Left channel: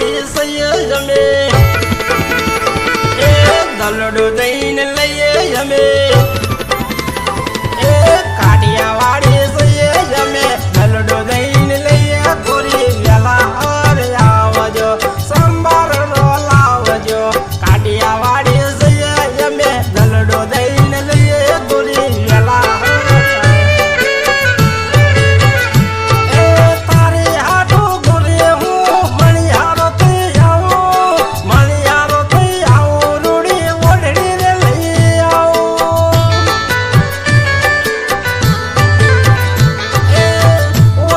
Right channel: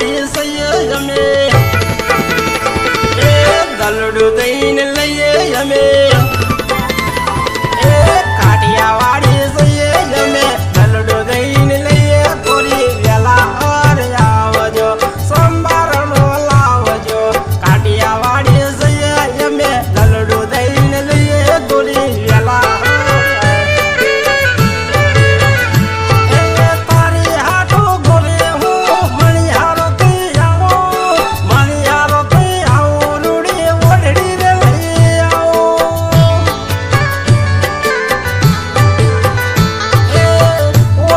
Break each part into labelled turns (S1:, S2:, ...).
S1: મારી સૈયે અમે. એ દલડું દઈને લઈએ અમે. એ કાઢિયા વાળી સૈયે અમે દઈને લઈએ પૂરી વેલા ઓર આવજો. સંભારણો લાવજો. કાઢિયા વાળી સૈયે અમે. દલડું દઈ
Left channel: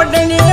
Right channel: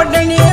S1: ಒಡನೆ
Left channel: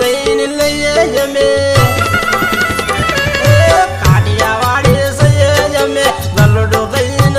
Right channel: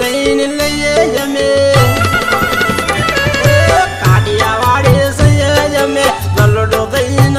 S1: I'm not gai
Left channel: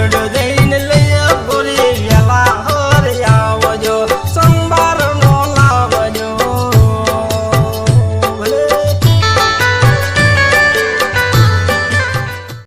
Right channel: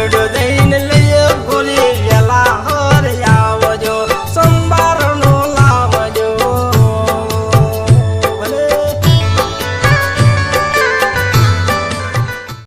S1: ಎರಡು